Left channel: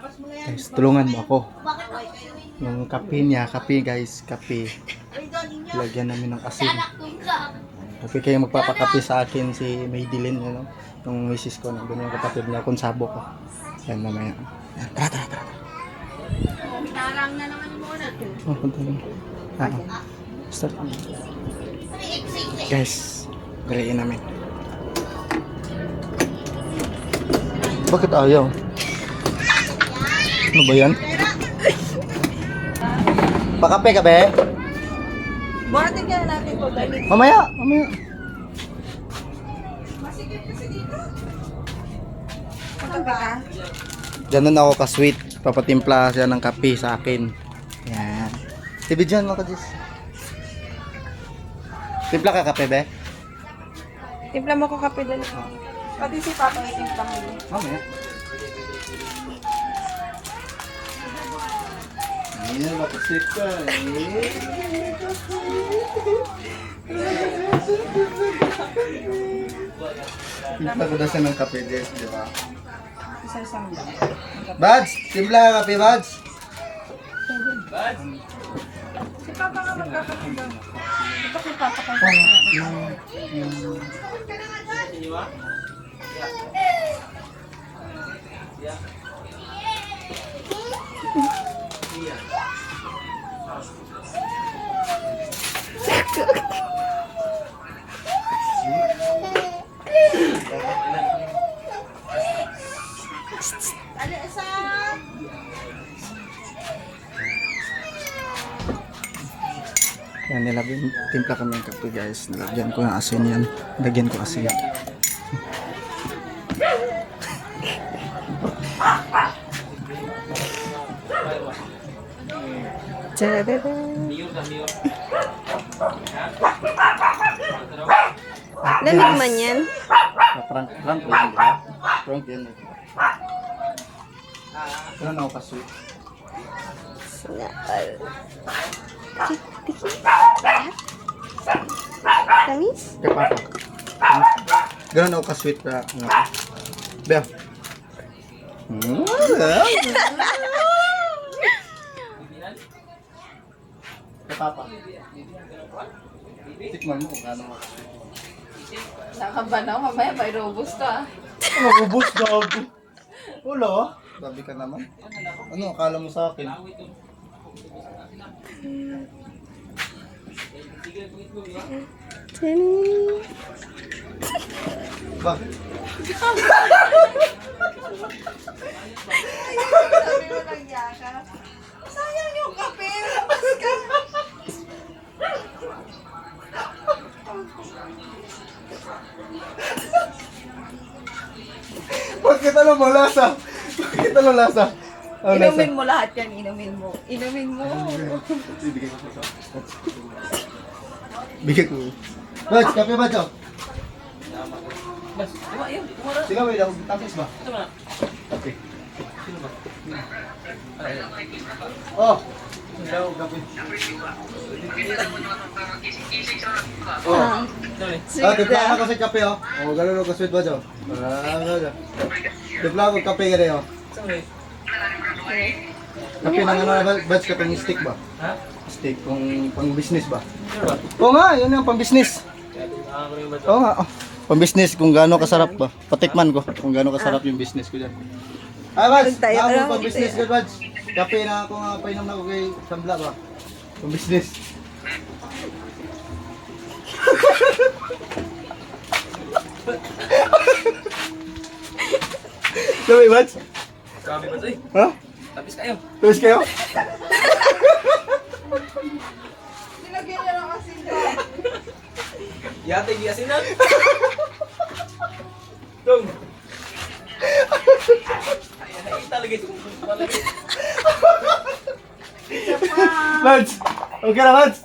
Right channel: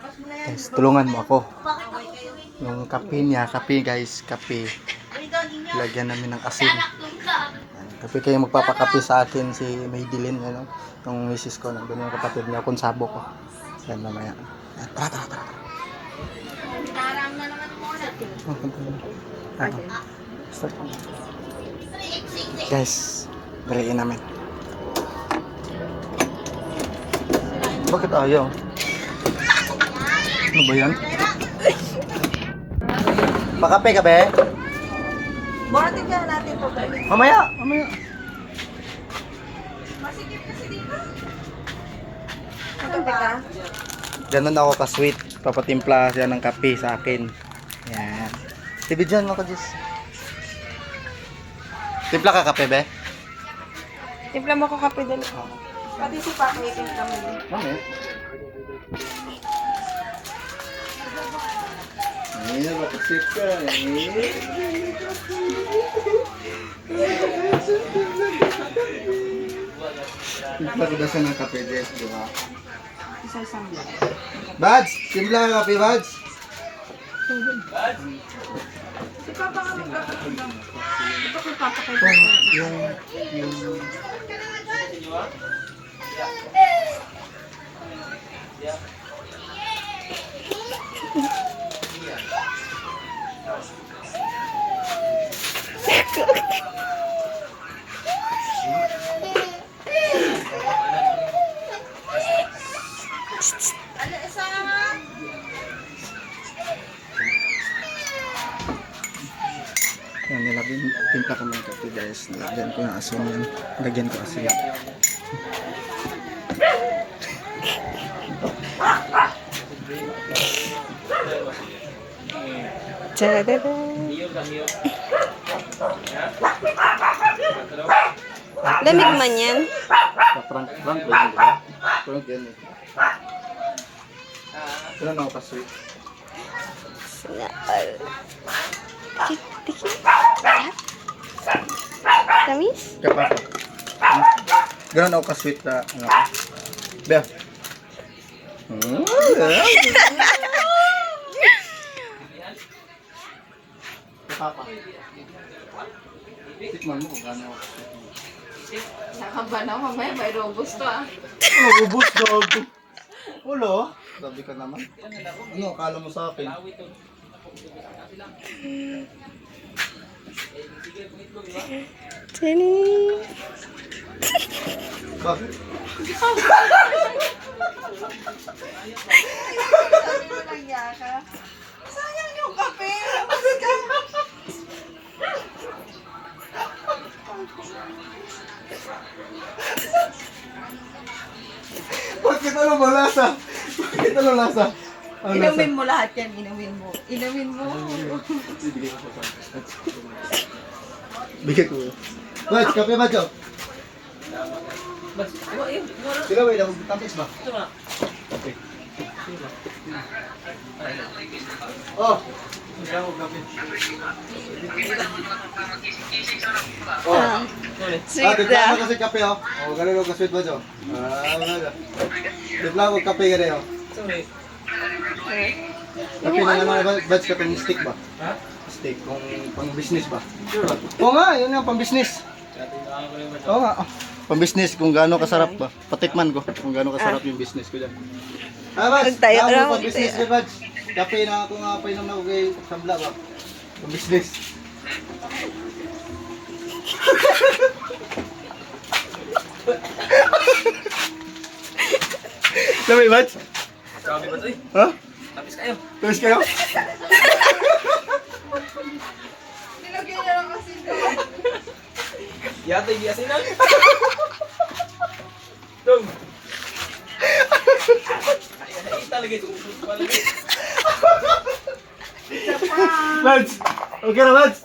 Guys, tulungan mo ako. Yung kape niya, kape guys, kape. Lagyan namin ng asin. Kape kayo magpapakape sa akin si Maydilyn, ano? Yung misis ko, nandun yung kapatid niya, konsabo ko. Yan mamaya. Yan, tara. Tarang na naman muna. Start. Guys, daliin namin. Bakit ayaw? Ano ba yan? Pakape ka be? Buhatin kaya natin to, galing. Mamaya. Masikip kasi dito. Kape ka? Ganun ako ka-sweet. Papatimpla siya ng kape sa akin. Yan. Tibidyan mo ko, Jis. Timpla ka kape, be? Timpla mo ko kape dali. Pati si Papa itimpla mo din. Mamaya. Ayan, mapasip ka. Timpla ko dasan ng kape, Jis, di ba? Isang samba. Bads! Timpla ka kape, Bads! Si Papa ka magkakape daw. Ito kay Papa kay Oh, Papa. yung... Yan, nilagyan, timpla kami ng kape guys. Nilagyan ko ng asin yan. Nilagyan ko asin. Tadada. Lamig man yan. Prank ko yun, ba? Prank yun. Ilan ako ka-sweet? Sinapal. Tiki. Tamis? Kaya pa. Ganun ako ka-sweet na. Bea. Kaya papa. Tikman mo kung gano'n ako ka-sweet. Nakabanaw, mamaya may robust to ah. Nagubos na ako. Wala. Sabi ka naman. Ano akala mo sa akin? Tini. Bakit? Sabi mo lang yaka. Sayang yung kape. Labas ka. Bakit ano mo lasa? Bakit ano lasa? Ano lasa? Inumin mo lahat yan, inumin mo. Inumin mo. Bigay ko. Baj, kape ba jo? Sila ba ilang tapis ba? Okay. Oh. Sila ko kape. Oh. Tipla ako sa kape oh. Oh, gano'n ka sweet ba jo? Wala. Tipla ako kape gani oh. Kape na naman baj ka pang stick ba? Ha? Stick pang business ba? Oo nga, yun yung pang business. Oo nga. Pang business kung gaano kasarap ba? Patikman ko kung gaano kasarap yung business ko diyan. Baj, pang business ko baj. Kape na ako nga painom na ko kay Sambla ba? Pang business. Sabi baj? Sabi ba ito eh? Ha? Tapos kayo. Tapos kayo? Nilagyan niya lang kasi ito. Yata hindi asinan. Dong. Ay, talaga ito. Mads! Okay na, Mads!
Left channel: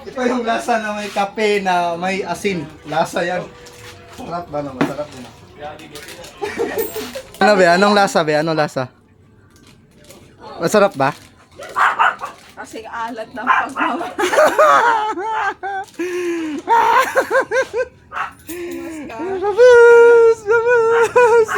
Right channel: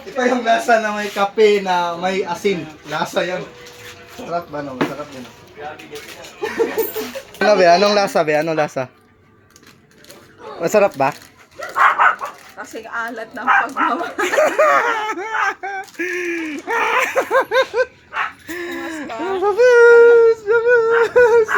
Ito yung lasa na may kape na may asin. Lasa yan. Sarap ba no? Sarap din. Ano be? Anong lasa be? Anong lasa? Masarap ba? Kasi alat ng pagmamahal. Labas! Labas!